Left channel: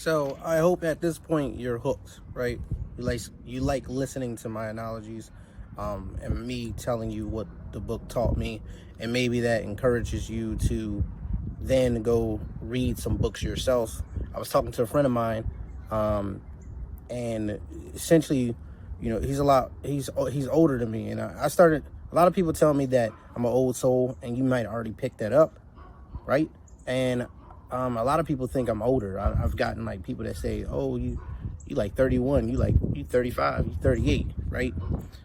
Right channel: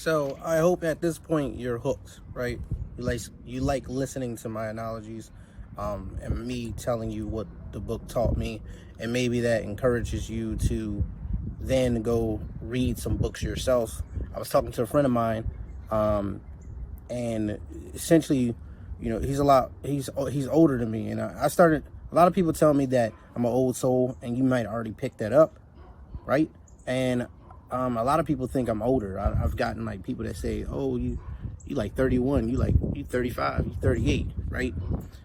So I hope at this point you're hooked, right? You like listening to my analogies, and me telling you what the book taught me, and maybe that encourages you to then go read some books yourself. I was talking to a friend of mine, and essentially, he's older than me, and I started. A lot of people tell me that I'm an old soul, and you might already pick that up, right? And a lot of people think I'm older. I've gotten like people that say, "Oh, you like 31, you 35, you 38, right?"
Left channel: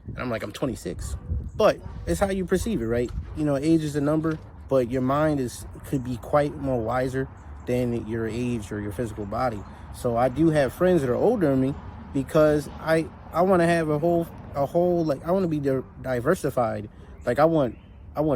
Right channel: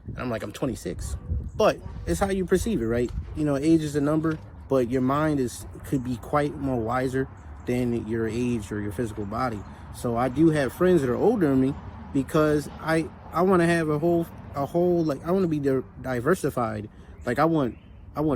And I'm like, I'm 26. But it's how you perceive it, right? Age is a number, but your mind could be quite more wiser than your age or your physical body. So I do have friends that are older than me because I want to have a whole like I want to be diversified. Like I want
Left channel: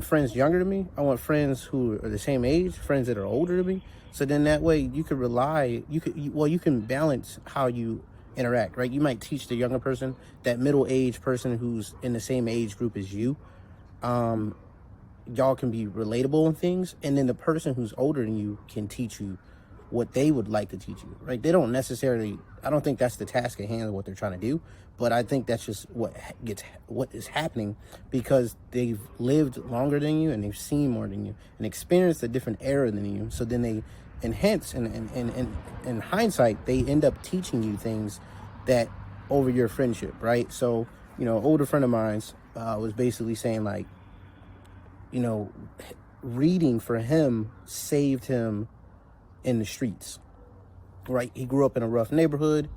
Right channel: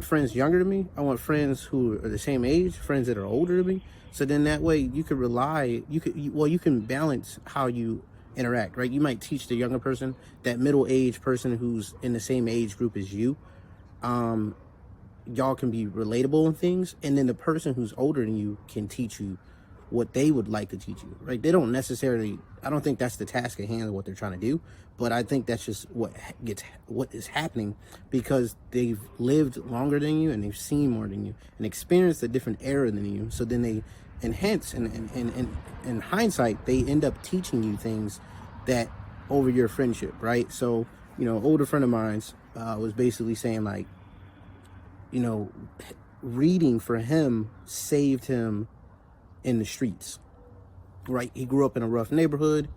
friends younger than me. I want friends who are the same age, friends that are older than me. So then that way you could you can balance how you interact, right? You might teach the younger person, that middle-aged person who's in the same age group as you. Y'all can be relatable in things, and then the person who's older than you can teach you what they would like to teach you, right? They don't necessarily, I don't think that's the task at hand of what they're trying to do, but I think that's just what is happening because they've lived longer than you and they've seen more than you and experienced a different era than you. So then they enhance, and in hindsight, they end up teaching you things that over your friendship, right? So, older friend of mine's was basically saying like, reading for him saved him in the streets, right? He grew up in a rough neighborhood.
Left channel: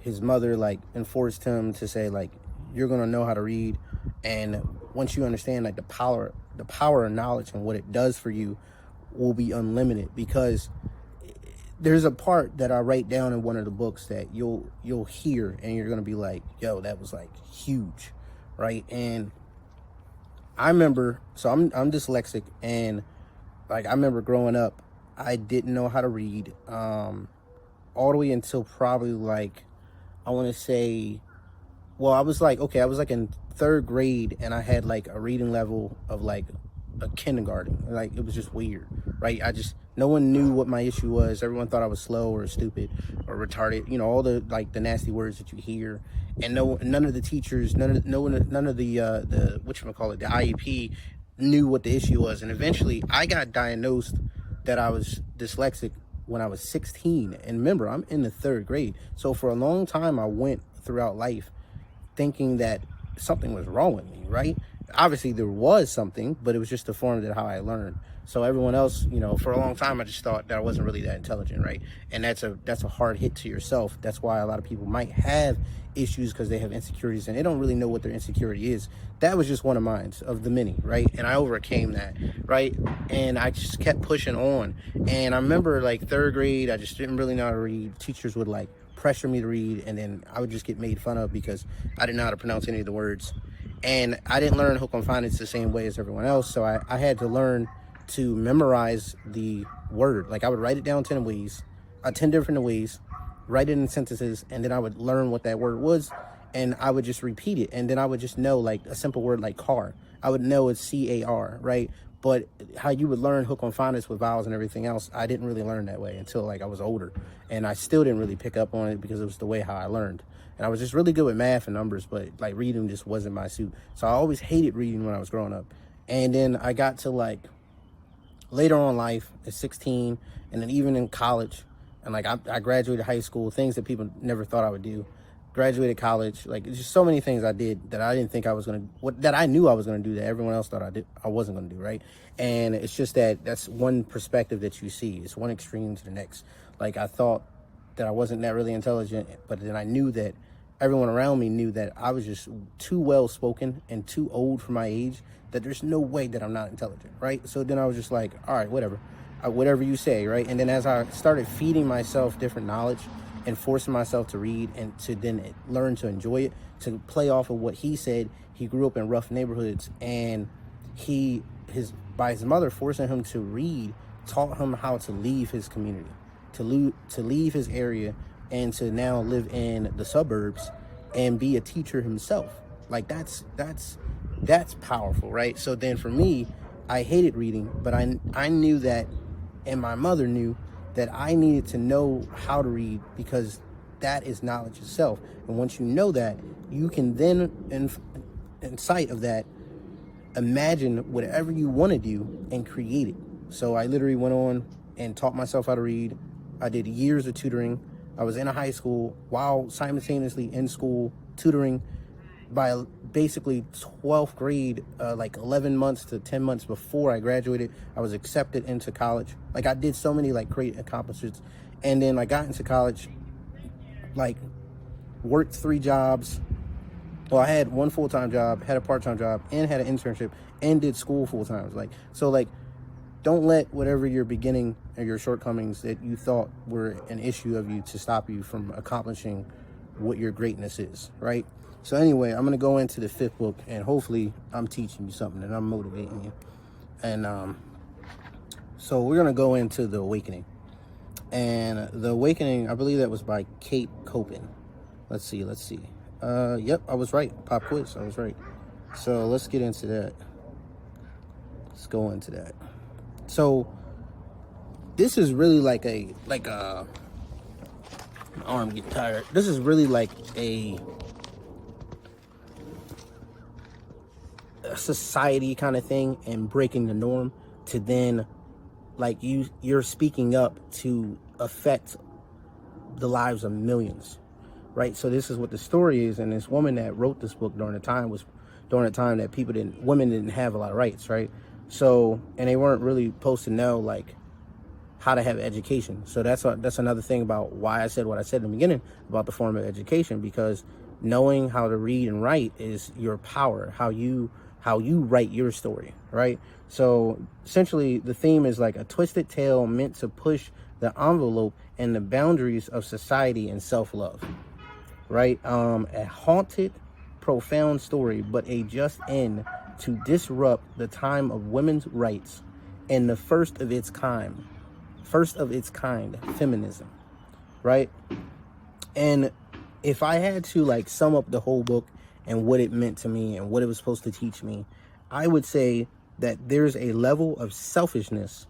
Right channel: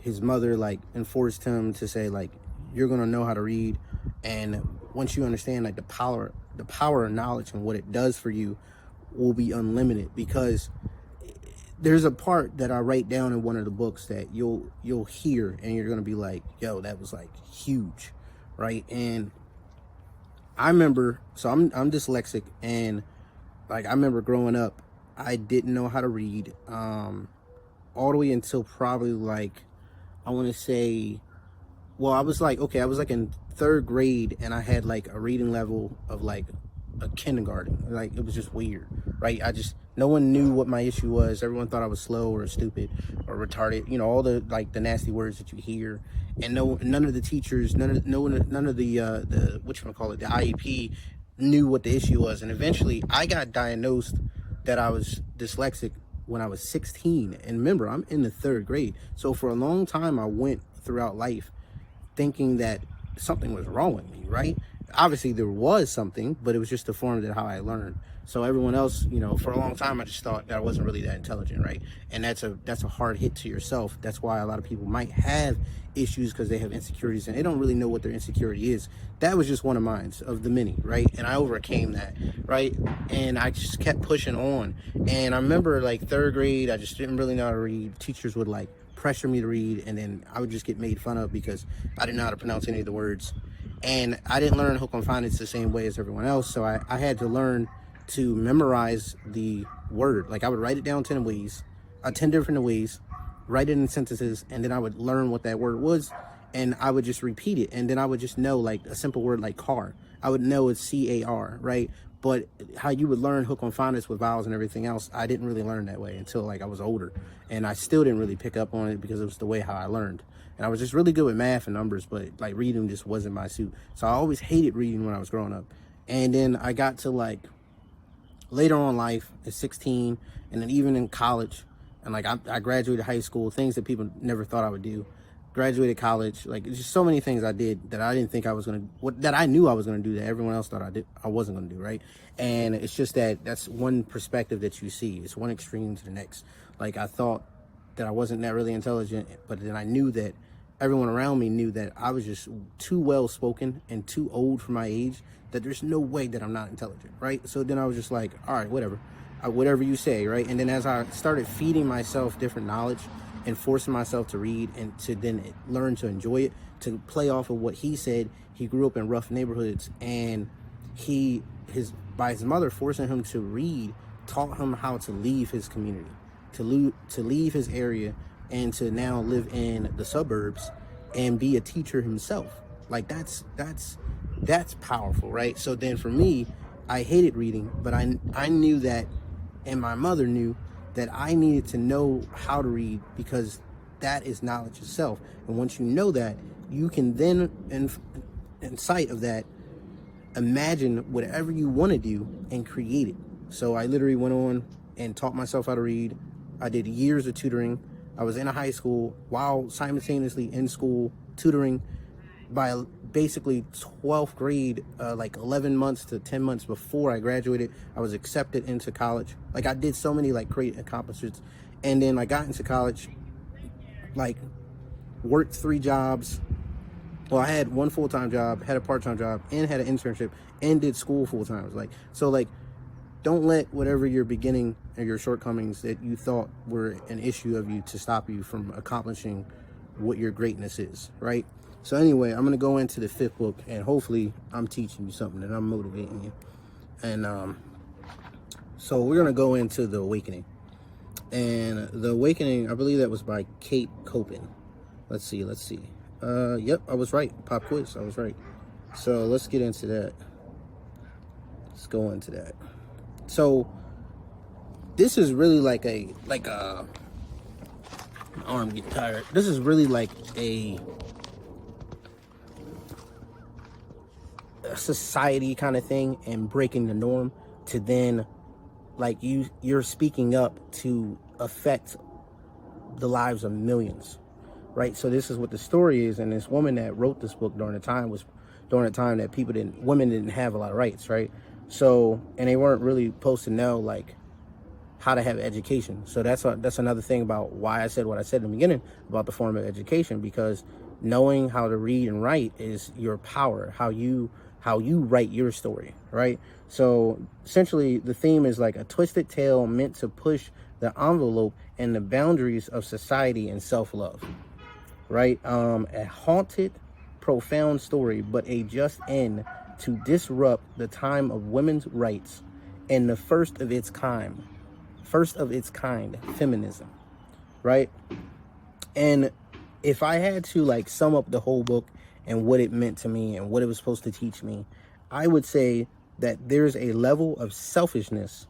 His mother like enforced him to say like, you're gonna know how to read, and once you understand like the power of knowledge and what it does for you will be unlimited. Because there's a part that I write down in one of the books that you'll hear and you're gonna be like, yo, that was like huge, right? And I remember, so I'm dyslexic, and like I remember growing up, I didn't know how to read all the way until probably like, I want to say, well, I was like in third grade, and I had like a reading level of like a kindergarten. Like it was just weird, right? No one knew what my issue was. Everyone thought I was slow or stupid or retarded. All the like the nasty words that you hear, and none of the teachers, none of the whatchamacallit, the IEP knew what the issue was. And eventually, I got diagnosed that I was dyslexic when I was 16. And remember, I'm in the third grade. So for a long time, I went throughout life thinking that something was wrong with me, right? Obviously, there was something, but it was just a form of how I learned. So everyone else, for a long time, I just thought that I wasn't really that intelligent, right? And that's a hard hit to yourself. That's why a lot of people might have issues, because they have insecurities and they don't really know what their insecurity is. That was just one of mine, of the many, right? And I overcame that, right? And I just kept pushing on. And I remember like third grade, I just didn't really know how to read. Teachers would like pressure me to read, and then I would just get made fun of because I didn't know how to pronounce any of the words. And I didn't learn hook on phonics the same way as everyone else, so I had to learn to memorize the word. Like I would write it down 10 different ways, write it in sentences, and then I would learn what that word was, and I would just repeat it, and then I would just know like a simple word like car. I would know it's C-A-R, right? But how you would learn hook on phonics with vowels and everything else, I didn't really learn that way until like I was older, and I still didn't really pick up on it because it was the way how I learned. And I was just really good with math and numbers, but like reading just wasn't my suit. So I always hated reading when I was growing up. And then I got to like later on in life at 16, and then even in college, and like I graduated high school, things that people never thought I would do. Graduated college, like just so many things I did that I didn't think I was that I knew I was gonna do that everyone else thought I wasn't gonna do, right? And it's just that's one perspective that you see. It's one extreme to the next. Like I thought that I wasn't that really intelligent, but then I knew that everyone around me knew that I was just too well spoken and too old for my age, that there's no way that I'm not intelligent, right? So then I was just like, all right, whatever you say, right? And then as I started feeding myself different knowledge and forcing myself to read and to then learn to enjoy it, to play off of what he said, he grew up in rough neighborhoods, and by his mother forcing him to read, taught him how to leave his community, to leave his area, and to now live in the suburbs and be a teacher himself. Like that's powerful, right? So then for me, I hated reading, but I knew that, and my mother knew that I needed to know how to read, because that is knowledge itself. And once you know that, you can then, in sight of that, imagine whatever you want to do and create it. So I literally went on and taught myself how to read. I did years of tutoring. I was in a high school while simultaneously in school tutoring. By basically 12th grade, like 11 months to 10 months before I graduated, I was accepted into college. Like, I did so many like great accomplishments. And then I got into college, like worked 3 jobs. Well, I had 1 full-time job, had a part-time job, and had an internship, and did school full-time. Like, don't let whatever your beginning or your shortcomings that you thought were an issue of you to stop you from accomplishing what your greatness is, right? So anyway, I'm going to go into the 5th book, and hopefully I'm teaching you something and I'm motivating you. And so we're going to go into The Awakening. And The Awakening, I believe that was by Kate Copen. Let's see. Yep, I was right. Pop quiz, I was right. So let's get into that. Let's go into that. So this is really like a my arm getting tired. This is really like a society kind of thing, and breaking the norm to then, like, you're speaking up to affect the lives of millions, right? So this is what the story is. And this woman that wrote this book during a time that women didn't have a lot of rights, right? So, and they weren't really supposed to know like how to have education. So that's another thing about why I said what I said in the beginning about the form of education, because knowing how to read and write is your power, how you write your story, right? So essentially the theme is like a twisted tale meant to push the envelope and the boundaries of society and self-love, right? A haunted, profound story, but a just end to disrupt the time of women's rights and the first of its kind, feminism, right? And if I had to like sum up the whole book and what it meant to me and what it was supposed to teach me, I would say that there's a level of selfishness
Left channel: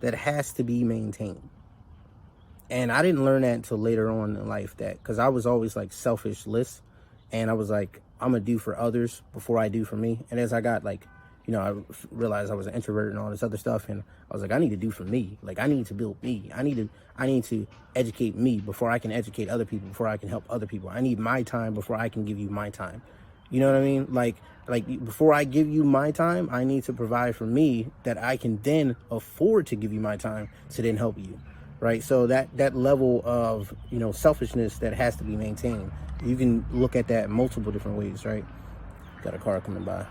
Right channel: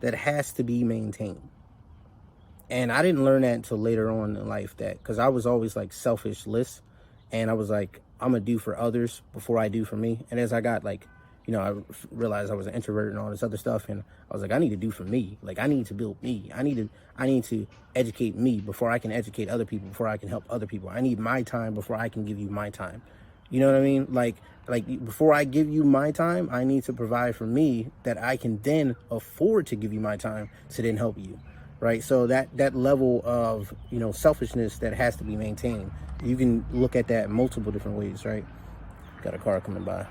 that has to be maintained. And I didn't learn that until later on in life, that because I was always like selfishless, and I was like, I'm gonna do for others before I do for me. And as I got like, I realized I was an introvert and all this other stuff, and I was like, I need to do for me. Like, I need to build me. I need to educate me before I can educate other people, before I can help other people. I need my time before I can give you my time. You know what I mean? Like before I give you my time, I need to provide for me that I can then afford to give you my time to then help you, right? So that level of, selfishness that has to be maintained. You can look at that multiple different ways, right? Got a car coming by.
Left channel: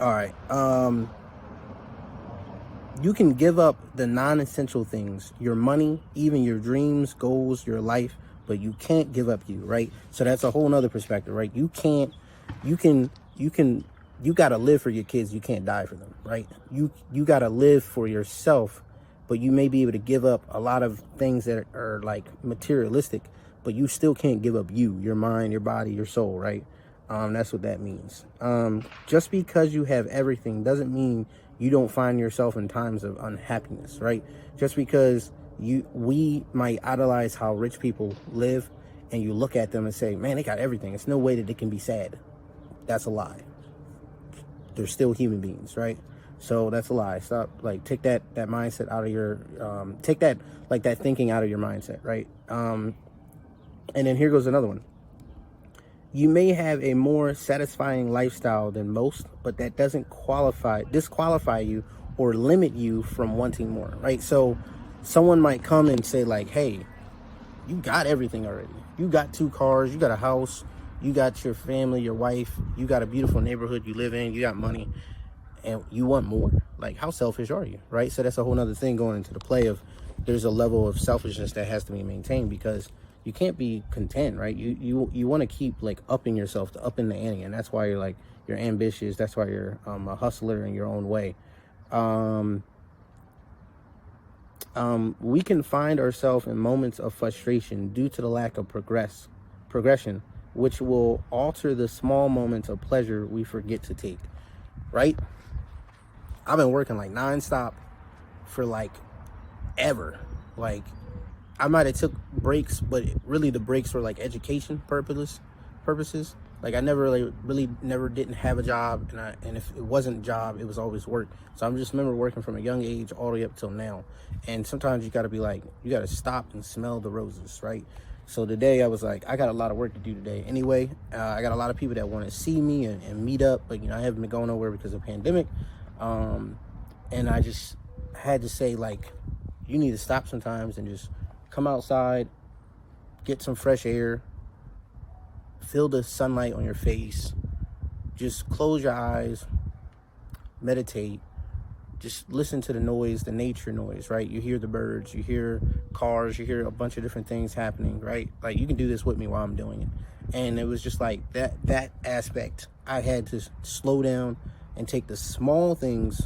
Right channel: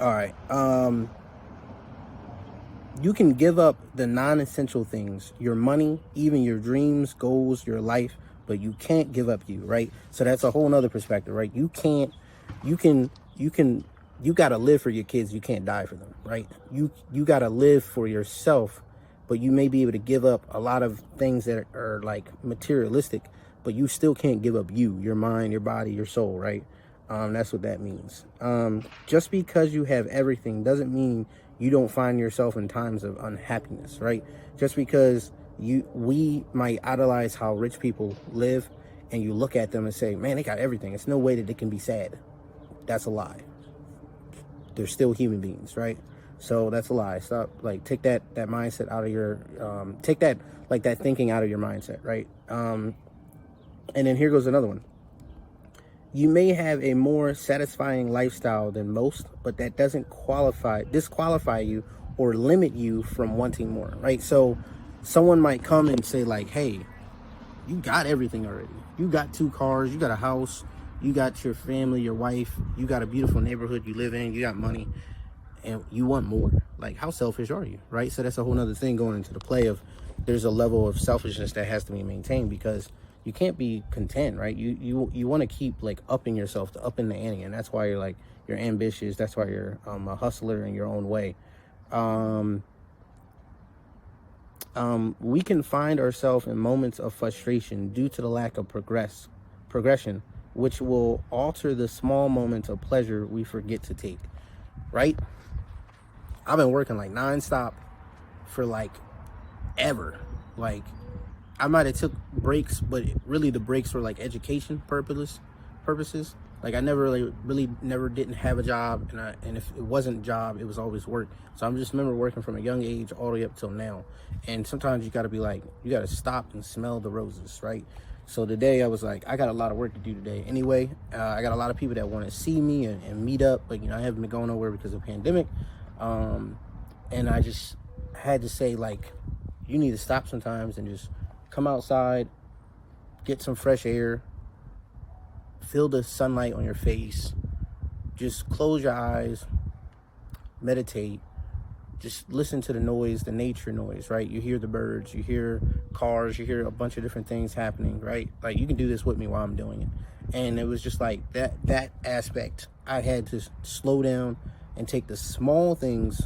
All right. You can give up the non-essential things, your money, even your dreams, goals, your life, but you can't give up you, right? So that's a whole nother perspective, right? You got to live for your kids. You can't die for them, right? You got to live for yourself, but you may be able to give up a lot of things that are like materialistic, but you still can't give up you, your mind, your body, your soul, right? That's what that means. Just because you have everything doesn't mean you don't find yourself in times of unhappiness, right? Just because we might idolize how rich people live, and you look at them and say, man, they got everything. It's no way that they can be sad. That's a lie. They're still human beings, right? So that's a lie. Stop, take that mindset out of your, take that thinking out of your mindset, right? And then here goes another one. You may have a more satisfying lifestyle than most, but that doesn't disqualify you or limit you from wanting more, right? So someone might come and say like, hey, you got everything already. You got 2 cars, you got a house, you got your family, your wife, you got a beautiful neighborhood you live in, you got money, and you want more. Like, how selfish are you, right? So that's a whole nother thing going into the play of there's a level of selfishness that has to be maintained, because you can't be content, right? You want to keep like upping yourself, upping the ante, and that's why you're ambitious. That's why you're a hustler in your own way. We can find ourselves in moments of frustration due to the lack of progression, which will alter the small moments of pleasure we forget to take, right? I've been working like nonstop for like ever. Like, I might have took breaks, but really the breaks were like education purposes. Like, I never really never didn't have a job, and if it wasn't a job, it was always work. So I just remember working from a young age all the way up till now. And sometimes you got to be like, you got to stop and smell the roses, right? So today I was like, I got a lot of work to do today. Anyway, I got a lot of people that want to see me and meet up, but I haven't been going nowhere because of the pandemic. And I just had to say, like, you need to stop sometimes and just come outside, get some fresh air, feel the sunlight on your face, just close your eyes, meditate, just listen to the noise, the nature noise, right? You hear the birds, you hear cars, you hear a bunch of different things happening, right? Like, you can do this with me while I'm doing it. And it was just like that aspect. I had to slow down and take the small things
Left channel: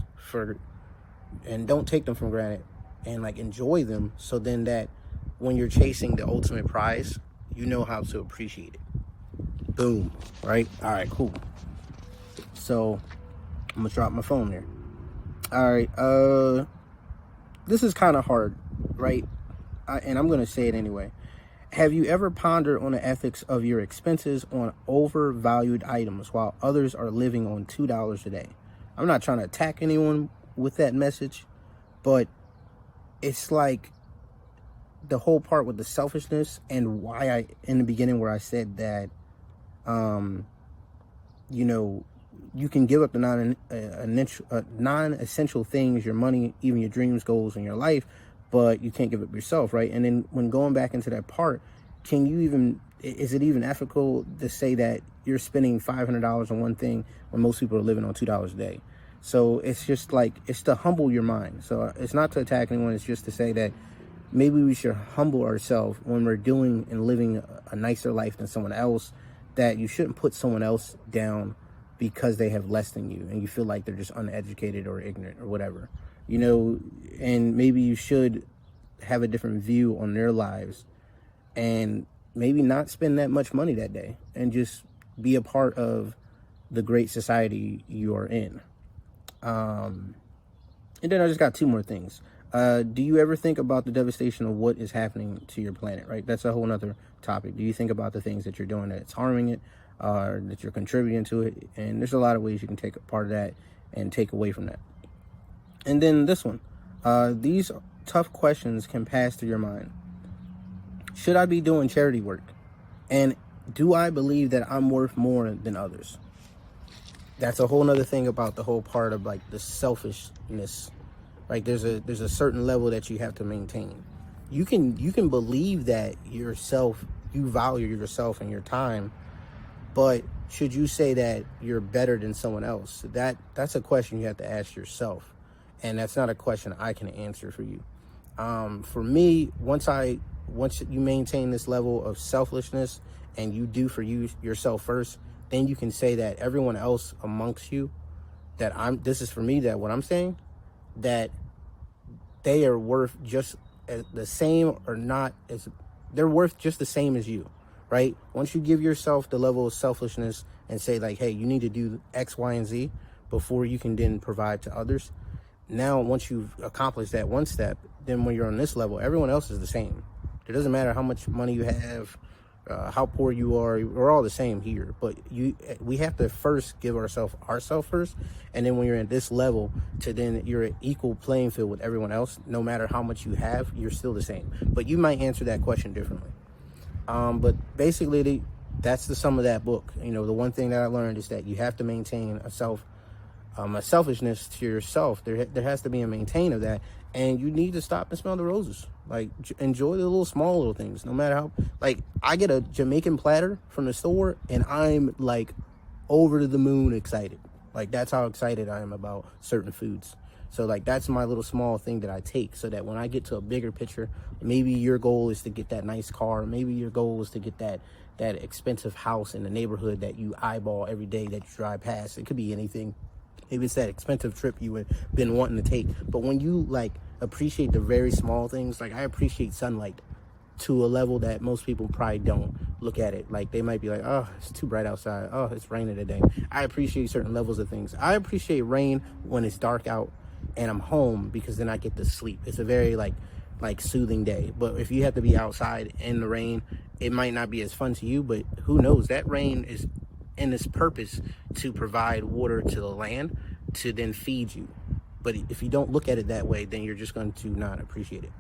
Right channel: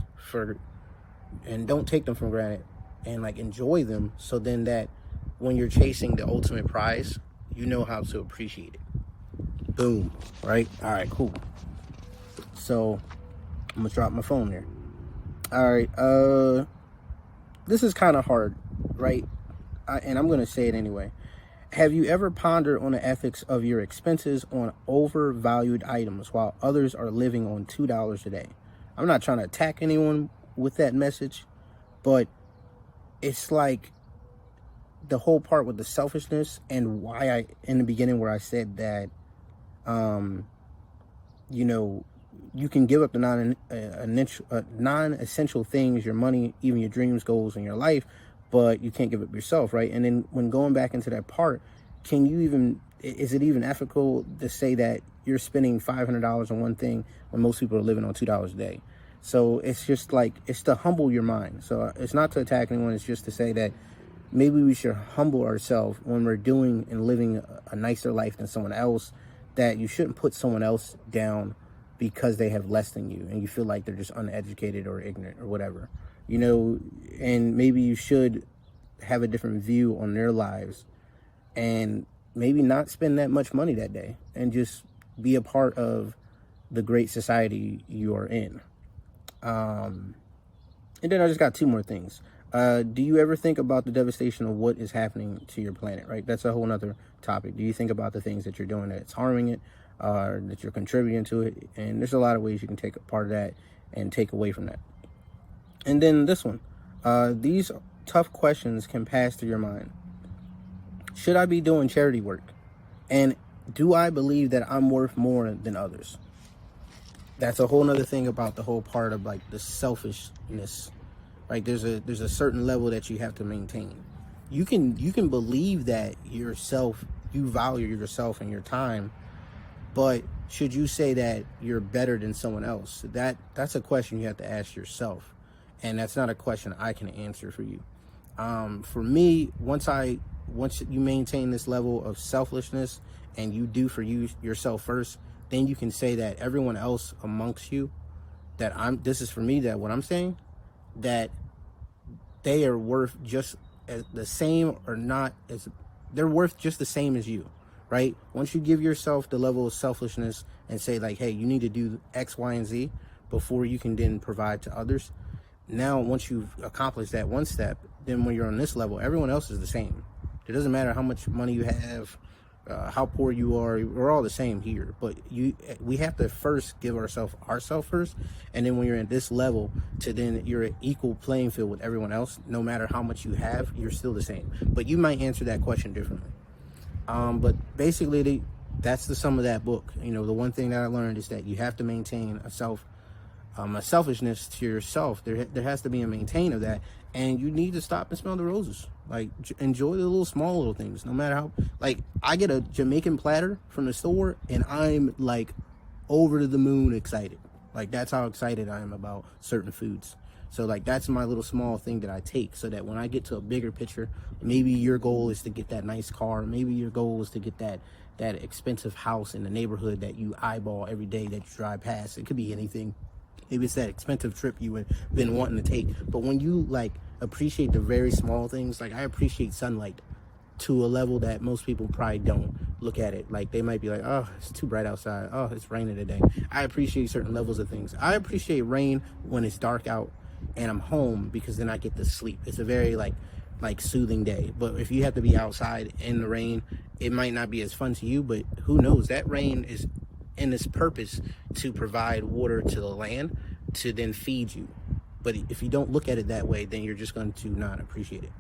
and don't take them for granted, and like enjoy them, so then that when you're chasing the ultimate prize, you know how to appreciate it. Boom, right? All right, cool. So I'm gonna drop my phone there. All right, this is kind of hard, right? And I'm gonna say it anyway. Have you ever pondered on the ethics of your expenses on overvalued items while others are living on $2 a day? I'm not trying to attack anyone with that message, but it's like the whole part with the selfishness, and why I, in the beginning where I said that, you can give up the non-essential things, your money, even your dreams, goals, and your life, but you can't give up yourself, right? And then when going back into that part, is it even ethical to say that you're spending $500 on one thing when most people are living on $2 a day? So it's just like, it's to humble your mind. So it's not to attack anyone, it's just to say that maybe we should humble ourselves when we're doing and living a nicer life than someone else, that you shouldn't put someone else down because they have less than you and you feel like they're just uneducated or ignorant or whatever, and maybe you should have a different view on their lives and maybe not spend that much money that day and just be a part of the great society you are in. And then I just got two more things. Do you ever think about the devastation of what is happening to your planet, right? That's a whole nother topic. Do you think about the things that you're doing that's harming it, that you're contributing to it? And there's a lot of ways you can take a part of that and take away from that. And then this one, these tough questions can pass through your mind. Should I be doing charity work? And do I believe that I'm worth more than others? That's a whole nother thing about the whole part of like the selfishness. Like, there's a certain level that you have to maintain. You can believe that you value yourself and your time, but should you say that you're better than someone else? That's a question you have to ask yourself, and that's not a question I can answer for you. For me, once you maintain this level of selflessness and you do for yourself first, then you can say that everyone else amongst you, this is for me, that what I'm saying, that they are worth just as the same, or not as, they're worth just the same as you, right? Once you give yourself the level of selfishness and say like, hey, you need to do X, Y, and Z before you can then provide to others. Now, once you've accomplished that one step, then when you're on this level, everyone else is the same. It doesn't matter how much money you have, how poor you are, we're all the same here. But we have to first give ourselves first, and then when you're at this level, then you're an equal playing field with everyone else. No matter how much you have, you're still the same. But you might answer that question differently. But basically, that's the sum of that book. The one thing that I learned is that you have to maintain a selfishness to yourself. There has to be a maintain of that. And you need to stop and smell the roses. Like, enjoy the small little things, no matter how. Like, I get a Jamaican platter from the store, and I'm like over the moon excited. Like, that's how excited I am about certain foods. So, like, that's my little small thing that I take, so that when I get to a bigger picture, maybe your goal is to get that nice car. Maybe your goal is to get that expensive house in the neighborhood that you eyeball every day that you drive past. It could be anything. Maybe it's that expensive trip you have been wanting to take. But when you like appreciate the very small things, like I appreciate sunlight to a level that most people probably don't look at it. Like, they might be like, oh, it's too bright outside. Oh, it's raining today. I appreciate certain levels of things. I appreciate rain when it's dark out and I'm home because then I get to sleep. It's a very like soothing day. But if you have to be outside in the rain, it might not be as fun to you, but who knows? That rain is in its purpose to provide water to the land to then feed you. But if you don't look at it that way, then you're just going to not appreciate it.